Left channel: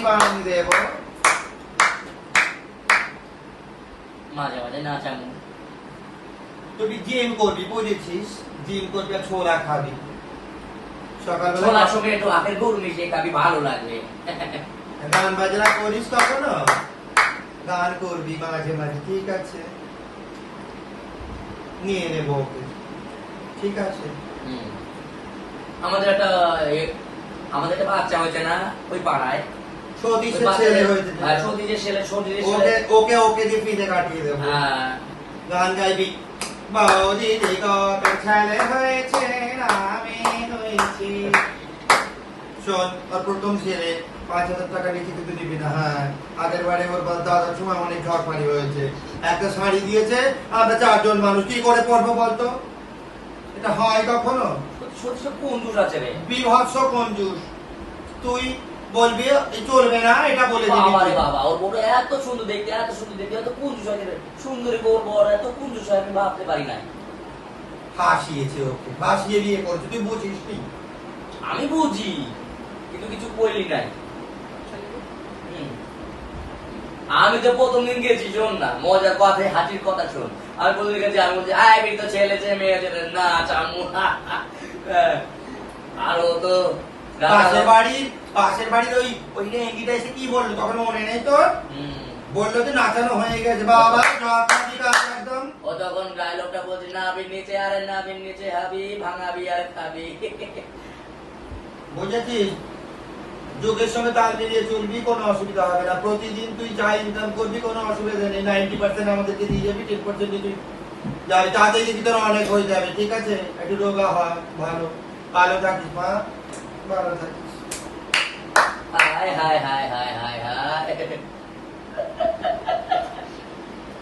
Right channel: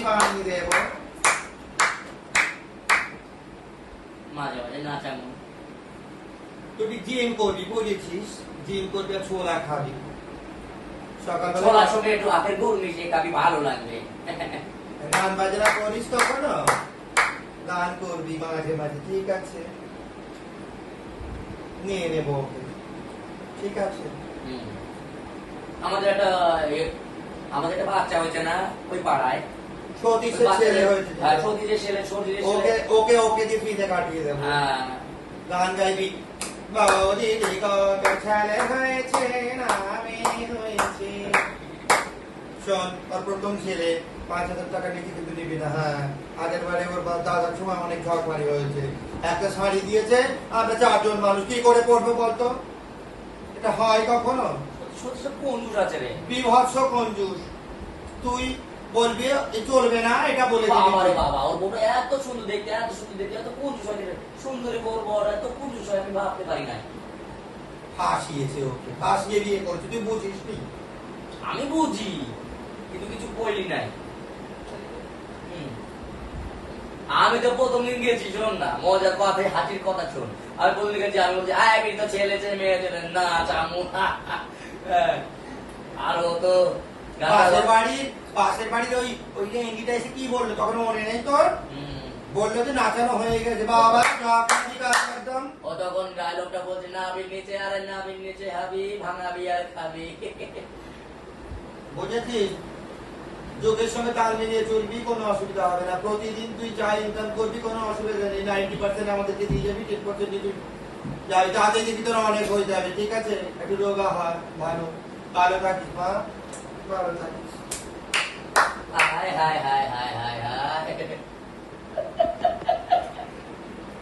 হাসি বানিয়ে দেবো। মাঝে মাঝে নাচামু। তুই জিম করবি বুঝেছিস, জিম করবি আর ছোলা খাবি সকালবেলা। ছোলার সঙ্গে একটু আখের গুড় মিশিয়ে খাবি, ভালো লাগবে। গান বাজনা করিস তখন গান করবি মাঝে মাঝে, ঠিক আছে নিয়ে নেবো ওকে, ঠিক আছে। আমাদের একটা বাচ্চা হয়েছে না ওই পাড়ায়, সতীশের ছেলে হয়েছে, সতীশের ছেলে, ওকে ওকে ওকে দিয়ে ফিতে কাটিয়ে দেবো। গান গাইবি, বৌদি কত ছেলে হয়েছে না আমি হয়েছি। শোন, আর প্রথম ছেলে 5,000 টাকা লিখে কিন্তু নিবি না। হ্যাঁ, আগের বারে ওর দাদার সময় অনেক ঝড় হয়েছে, একটা শাড়ি দিয়েছে, আমরা 4 জন মানুষ কি করে পড়বো বলতো? এটা হয় কখনো? কঞ্জুস আছে রে, বিভৎস কঞ্জুস। তুই বলবি চলবে না, এটা বলে দিবি। বাবা রে বাবা, ওর বড় এত সুন্দর দেখতে, এত সুন্দর দেখতে, এত কঞ্জুস হয় রে। সুন্দরী বউর বড় এত কঞ্জুস হয় আমি ভাবতে পারি না। ফাঁসিয়েছে ওকে, ফাঁসিয়ে বিয়ে করছে, তুই বুঝিস নি? আমি বুঝি, কিন্তু কিছু বলি নাই। আমি তো প্রথম দিন গেছি, শোন না মজার কথা, হাসির কথা শোন। আমি প্রথম দিন গেছি, আমি বলছি আয় তো ছেলে মেয়ে না চামু। আর ও তো পাশের বাড়ির ওই রেঙ্গিটা এসে কি বললো তখন মনে নেই তোর? বললো যে নাচানো হয়ে গেছে, বাবা একদম। ও তখন ডায়লগটা বলছে, নাবির নিচে আরে নাবির নিচে হাবি, ভাঙাবি আর খাবি। বুঝেছিস? যুগের সঙ্গে তাল মিলিয়ে চলবি, কোনো অসুবিধা হবে না। প্রতিদিন তুই যা ইনকাম করবি কোনো অসুবিধা নেই। 90% আমাদেরকে দিয়ে যাবি, 10% তুই যাবি, তাতে যদি তোর অনেক হয়ে যাবে, ঠিক আছে? একটু রোগা হয়, ভালো থাকিস মা, ভালো থাকিস। হায় হায় হায় হায়